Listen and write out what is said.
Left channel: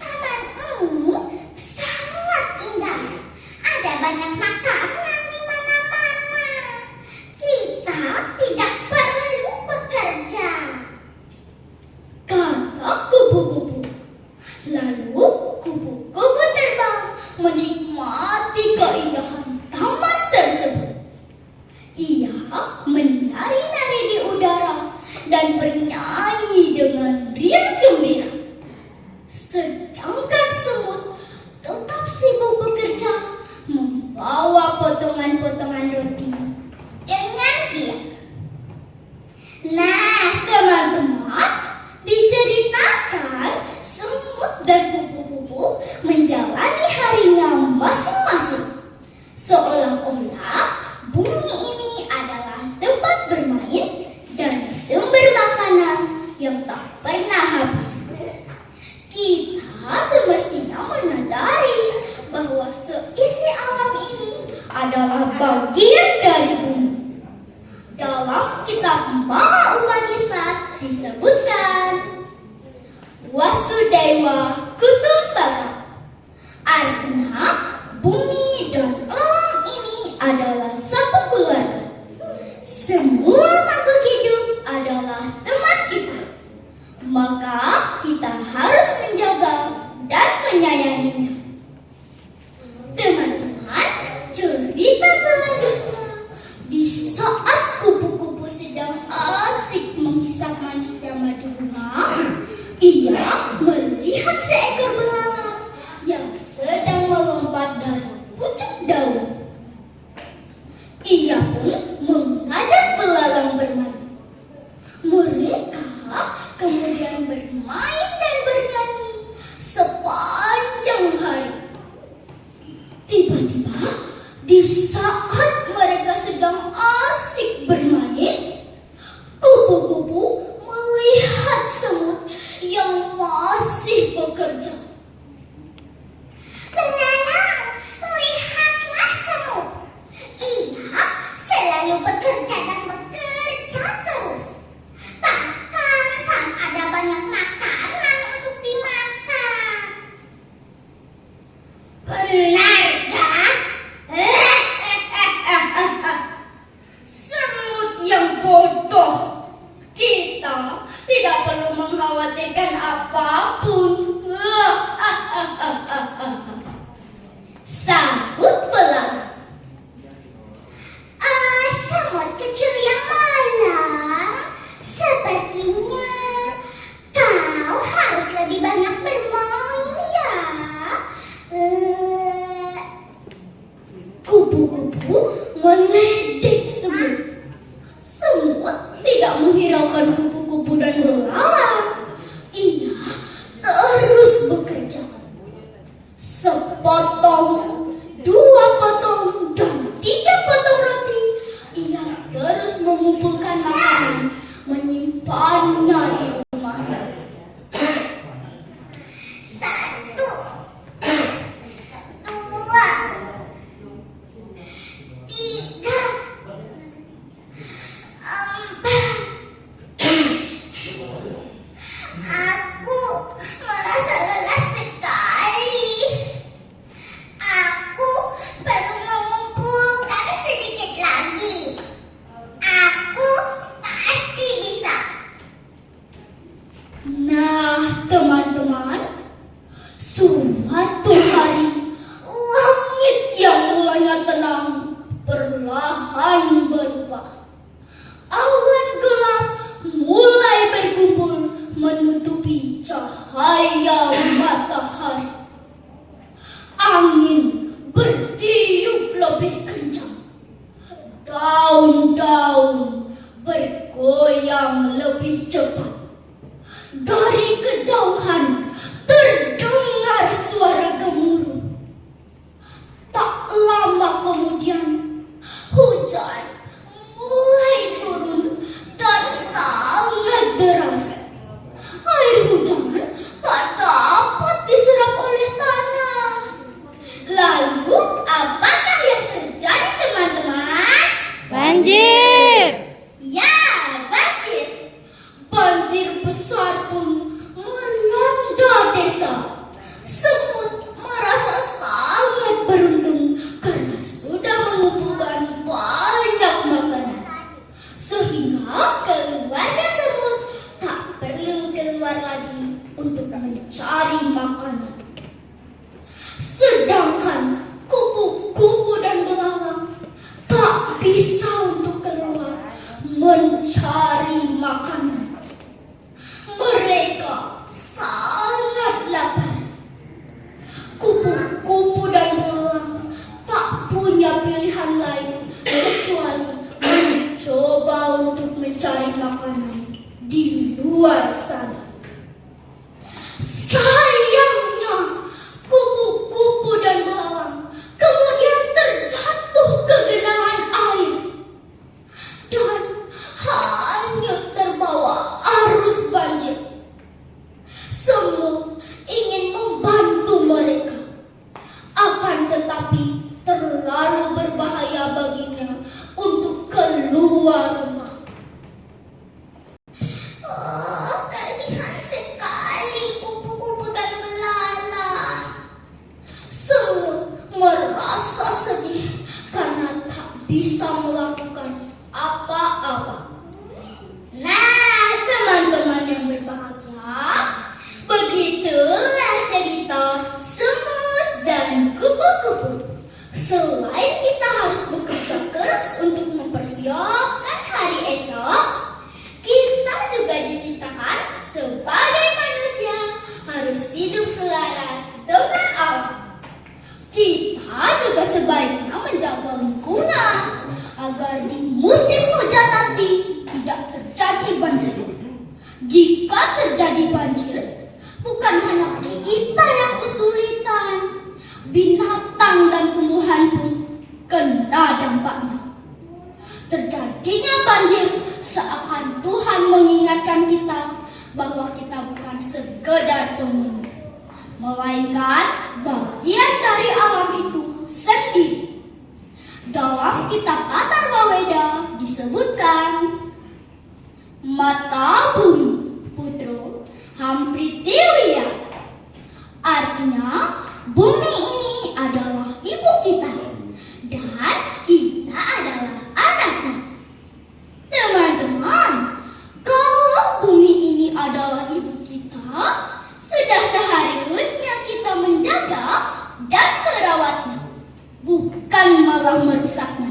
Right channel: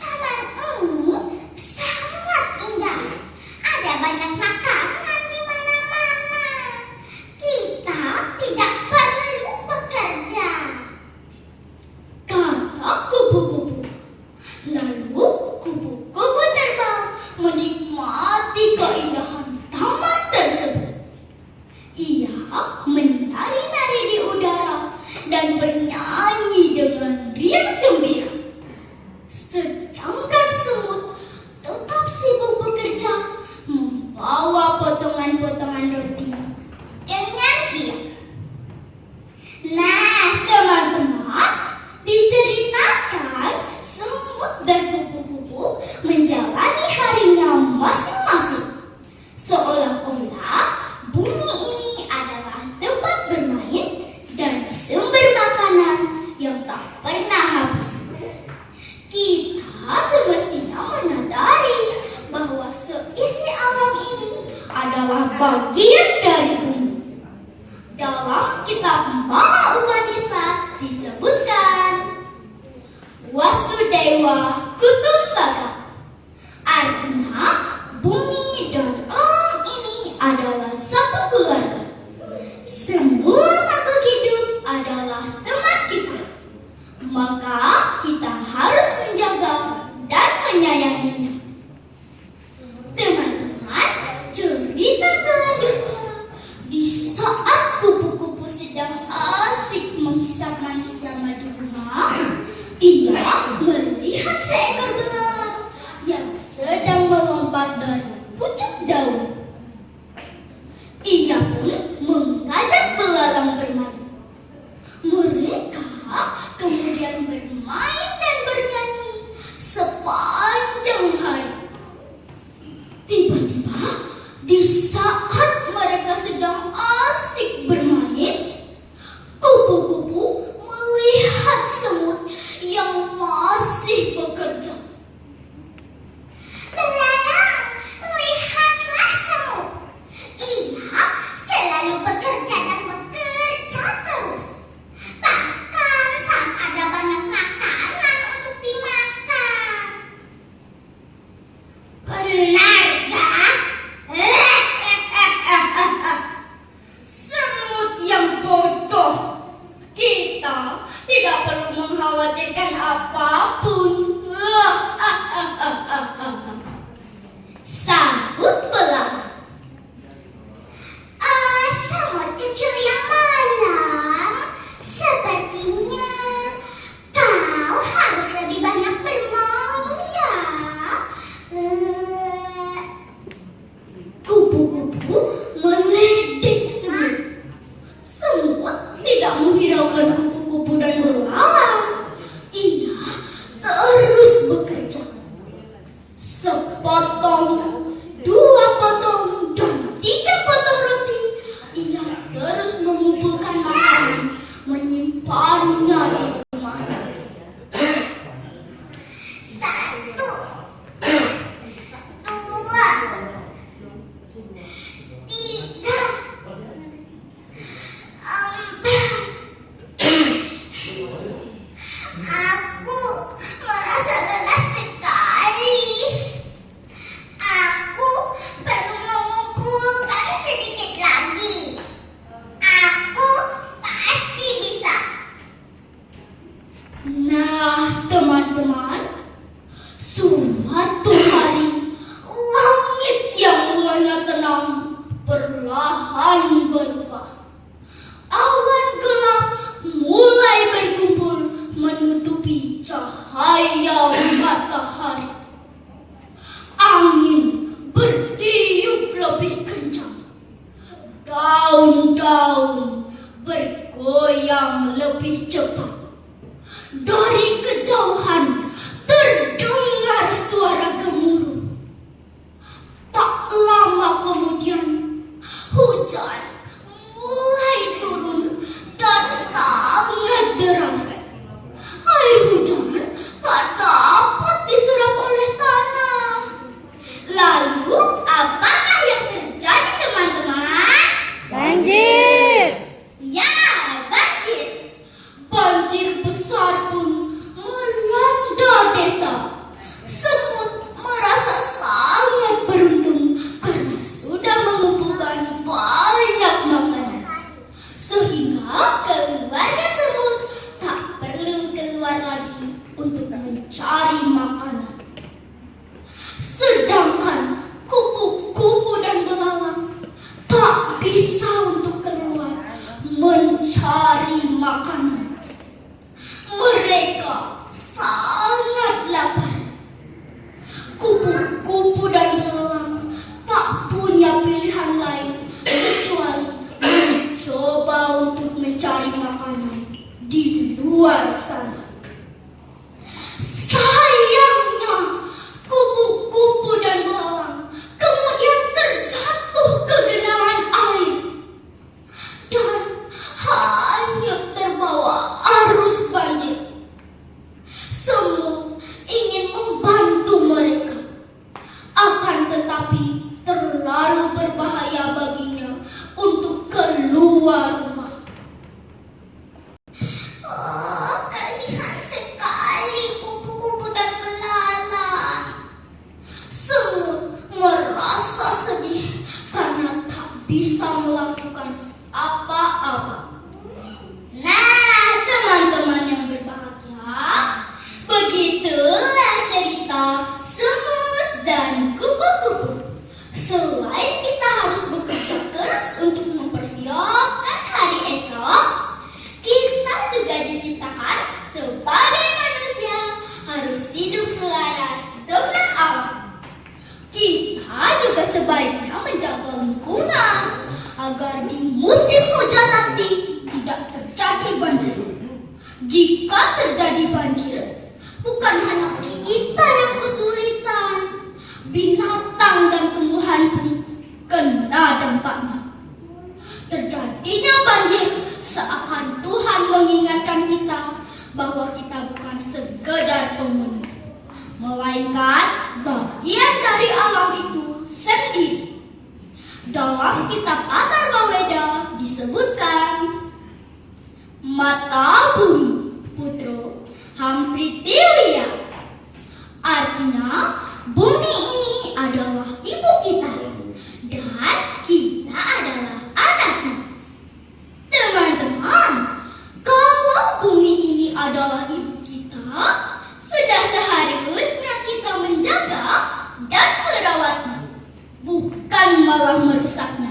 Taman ini sangat indah. Ada banyak makanan di mana-mana. Kita tidak perlu bekerja, kata kupu-kupu. Lalu kupu-kupu terbang menikmati keindahan taman tersebut. Ia menari-nari di udara dan bernyanyi dengan riang gembira. Sedangkan semut tetap sibuk bekerja membawa potongan-potongan roti dengan giat. Nah, teman-teman, diceritakan semut dan kupu-kupu menjalani harinya masing-masing. Seolah-olah bumi ini adalah tempat bermain dan sumber makanan yang tak pernah habis. Kita semestinya menyadari bahwa seisi alam ini adalah bagian dari bumi. Dalam kitab Mahabharata disebutkan Wasudaiwa Kutumbaka. Artinya bumi dan alam ini adalah satu keluarga. Semua makhluk hidup adalah teman kita. Maka kita harus menjaga dan menyayanginya. Teman-teman, cerita selanjutnya. Di saat kupu-kupu sedang asik menghisap manusia madu rumah, ia melihat seekor belalang yang sedang melompat dari pucuk daun. Ia pun mengajak belalang bermain. Mereka kemudian bermain dan bernyanyi sepanjang hari. Tiba-tiba, di saat mereka sedang asik bermain, kupu-kupu melihat semut yang masih bekerja. Belalang, lihatlah semut. Ia selalu bekerja dan bekerja terus. Bahkan saat ada banyak makanan untuk dimakan. Benarkah? luar sana. Sayangnya, kupu-kupu dan belalang kemudian terjatuh ke genangan air dan hanyut terbawa arus banjir. Semut ingin membantu mereka, akan tetapi terlalu berbahaya baginya untuk keluar rumah. Oh, kasihan sekali kupu-kupu dan belalang. Semut merasa sedih karena tak bisa melakukan apa-apa. Nah, teman-teman yang berbahagia, begitulah cerita semut dan kupu-kupu. Selain kita harus bekerja keras untuk mempersiapkan hari esok, kita juga diciptakan sebagai manusia harus hidup selaras dengan alam. Kita juga sebaiknya menjaga lingkungan agar di musim hujan nanti tidak terjadi banjir. Jika terjadi banjir, bukan hanya kita yang kesulitan, binatang dan tumbuhan pun kena dampaknya. Terjadinya banjir seakan Tuhan mengingatkan kita bahwa kita bukan sekedar penghuni, melainkan bagian dari alam itu sendiri. Dalam kitab Atharvaveda disebutkan, mata bumi putro hampritiwya. Artinya, bumi ini adalah ibu kita dan kita adalah anaknya. Teman-teman, kalau bumi ini adalah ibu kita, sudah seharusnya kita menjaga dan merawatnya, bukan malah merusaknya.